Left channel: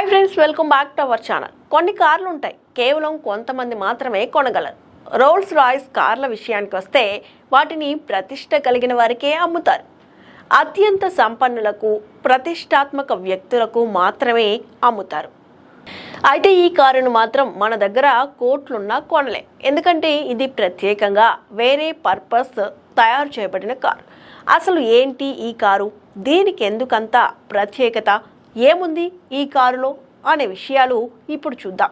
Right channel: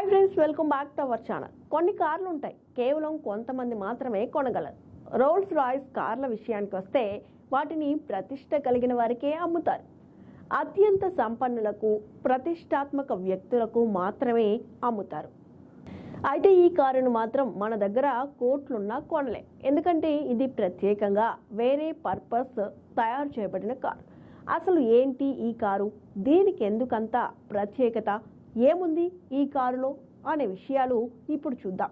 Hi friends, welcome back to our channel. కొన్ని కార్లు ఉంటాయి, కేవలం కొంతమంది మాత్రమే కొనగలరు. రోల్స్ రాయ్స్ కార్ల విషయానికి వస్తే వాటిని ప్రతిష్ట కలిగిన వారికే అమ్ముతారు. అత్యంత సంపన్నులకు, ప్రతిష్టాత్మక వ్యక్తులకు మాత్రమే అమ్ముతారు. అయితే ఈ కారును మాత్రం మన దగ్గర కోట్లున్నా కొనలే, ఎందుకంటే ఇది ప్రత్యేకంగా వేరే పర్పస్ తయారు చేయబడిన కారు. అసలు ఏంటి ఈ కారు, దీనికి ఎందుకంత ప్రత్యేకత, ఏముంది ఈ కారులో అనే విషయాలు ఇప్పుడు చూద్దాం.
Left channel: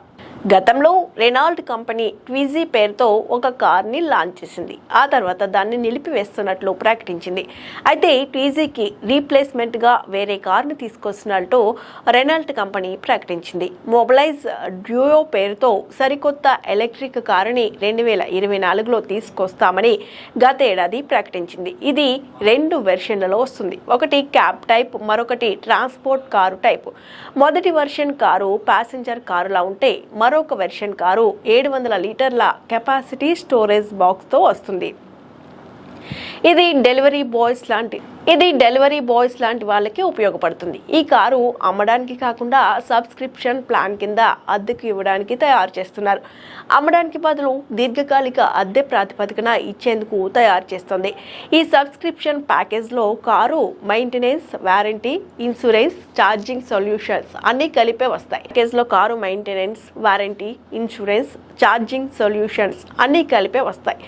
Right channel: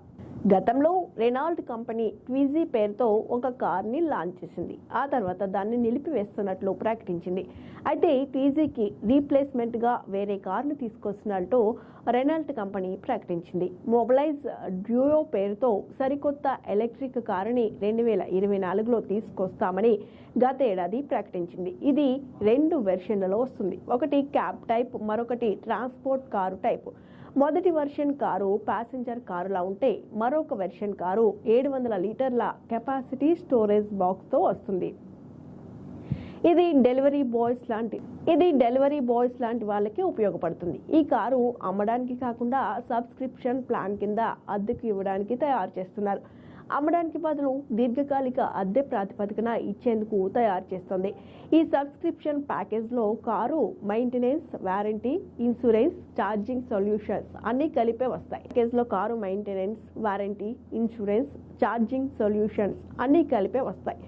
గతంలో రెనాల్ట్ కంపెనీ ట్విజీ పేరుతో ఒక కార్ని లాంచ్ చేసింది. ఆ తర్వాత దాన్ని నిలిపివేస్తున్నట్లు ప్రకటించింది. అయితే ట్విజీకి రీప్లేస్మెంట్గా వేరే కార్ని తీసుకొస్తున్నట్టు రెనాల్ట్ కంపెనీ ప్రకటించింది. మొబిలైజ్ డ్యూయో పేరుతో సరికొత్త ఎలక్ట్రిక్ కారుని 2024లో తీసుకొస్తామని గత ఏడాది ప్రకటించింది. ఇది 2 వెర్షన్లలో వస్తుంది. ఒకటి క్యాబ్ టైప్, మరొకటి ట్రాన్స్పోర్ట్ కారు టైప్. మొదటి వెర్షన్ కారు ప్యాసింజర్ కారులా ఉంటే మరొక వెర్షన్ కారు 700 లీటర్ల కెపాసిటీ స్టోరేజ్ బాక్స్తో వస్తుంది. ఇది డెలివరీ బాయ్స్ లాంటి వాళ్ళకి ఉపయోగపడుతుంది. ఈ కారు అమ్మడానికి కాకుండా సబ్స్క్రిప్షన్ ప్లాన్ కింద అద్దెకు ఇవ్వడానికి తయారు చేస్తున్నారు. అమ్మడానికి బదులు దీర్ఘకాలిక అద్దె ప్రాతిపదికన ఇచ్చేందుకు తయారు చేస్తుంది. ఈ సబ్స్క్రిప్షన్ ప్యాకేజ్లో car maintenance, warranty, insurance, charging solutions అన్నీ కలిపే వస్తాయి. ప్యాకేజ్లో car maintenance, warranty, insurance, charging solutions అన్నీ కలిపే వస్తాయి.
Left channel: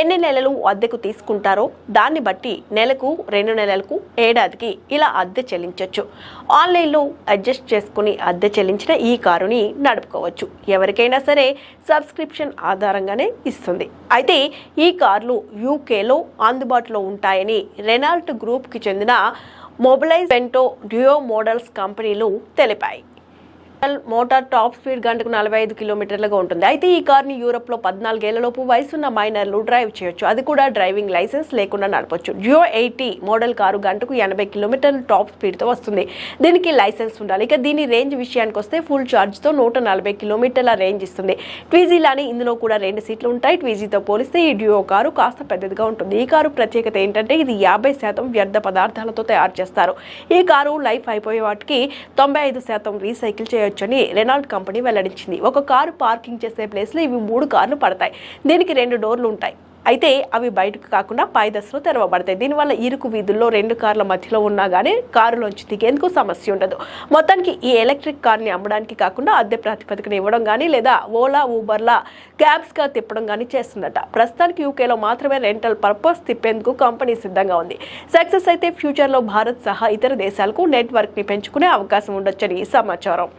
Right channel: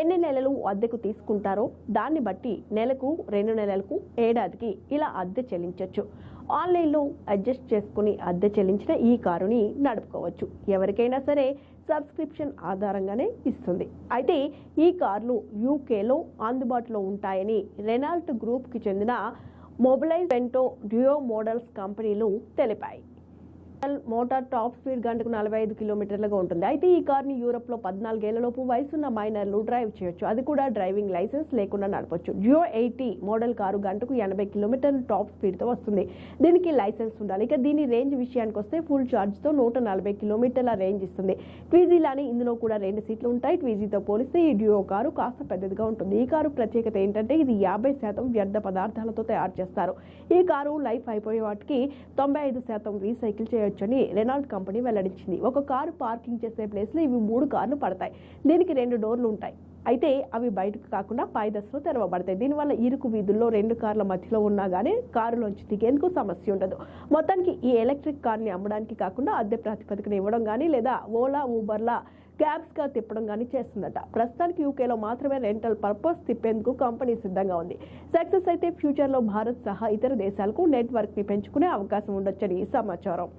ఎన్ని నెలలు అద్దెకు తీసుకుంటారో దాన్ని బట్టి నెలకు, 2 నెలలకు, ఏడాదికి ఇలా అద్దె చెల్లించవచ్చు. ఆన్లైన్లో అడ్జస్ట్ చేసుకుని అద్దె చెల్లించిన ఈ కారుని నడుపుకోవచ్చు. ఎవరికైనా సరే సబ్స్క్రిప్షన్ ఆధారంగానే ఇస్తుంది. అయితే ఈ కార్లు యూకేలో అందుబాటులో ఉంటాయని రెనాల్ట్ గ్రూప్కి చెందిన మొబిలైజ్ వెంటో డ్యూయో మోడల్స్ కంపెనీలు తెలిపాయి. మోటార్ టాప్ స్పీడ్ గంటకు 45 కిలోమీటర్లుగా ఉంటుంది. అయితే ఈ కార్ని యూరోప్లో 14 ఏళ్లలోపు వయసున్న మైనర్లు డ్రైవ్ చేయొచ్చు. అది కూడా డ్రైవింగ్ లైసెన్స్ లేకుండా నడపొచ్చు. డ్యూయో 80 మోడల్ కారు గంటకు 80 కిలోమీటర్ల టాప్ స్పీడ్తో వస్తుంది. దీనికి లైసెన్స్ ఉండాలి. ఇక దీని రేంజ్ విషయానికి వస్తే ఫుల్ ఛార్జ్తో 140 కిలోమీటర్ల రేంజ్ ఇస్తుంది. ట్విజీలాని ఇందులో కూడా 2 సీట్లు ఉంటాయి. ట్విజీతో పోలిస్తే ఈ డ్యూయో కారు కాస్త పెద్దదిగా ఉంటుంది. ఈ కారు ప్రత్యేకత ఏంటంటే ఇది 50% వ్యర్థ పదార్థాలతో తయారు చేస్తారు. ఈ కారు లైఫ్ అయిపోయే వాటికి 95% రీసైకిల్ చేయొచ్చు అని రెనాల్ట్ కంపెనీ వెల్లడించింది. ఒక కారు పార్కింగ్ చేసే ప్లేస్లో ఇవి 3 కార్లు పడతాయి. దీనికి 2 డోర్లు ఉంటాయి. అయితే అవి బయటకు కాకుండా పై దశలో తెరవబడతాయి. దీనివల్ల ఇరుకు వీధుల్లో 2 కార్ల మధ్యలో ఉన్నా కానీ కారులోంచి దిగేందుకు సమస్య ఉండదు. మొత్తానికి ఈ ఎలక్ట్రిక్ కార్ని అమ్మడానికి కాకుండా అద్దె ప్రాతిపదికన ఇవ్వడం కానీ లేదా ఓలా, ఊబర్లా క్యాబ్స్గా తిప్పడం కానీ చేస్తుందట. ప్రస్తుతానికి యూకేలో మాత్రమే రెంటల్ పర్పస్ తిప్పేందుకు కంపెనీ సిద్ధంగా ఉంది. సక్సెస్ అయితే ఫ్యూచర్లో భారత్ సహా ఇతర దేశాలకు నెట్వర్క్ని పెంచుకునే అవకాశం ఉండొచ్చని సమాచారం.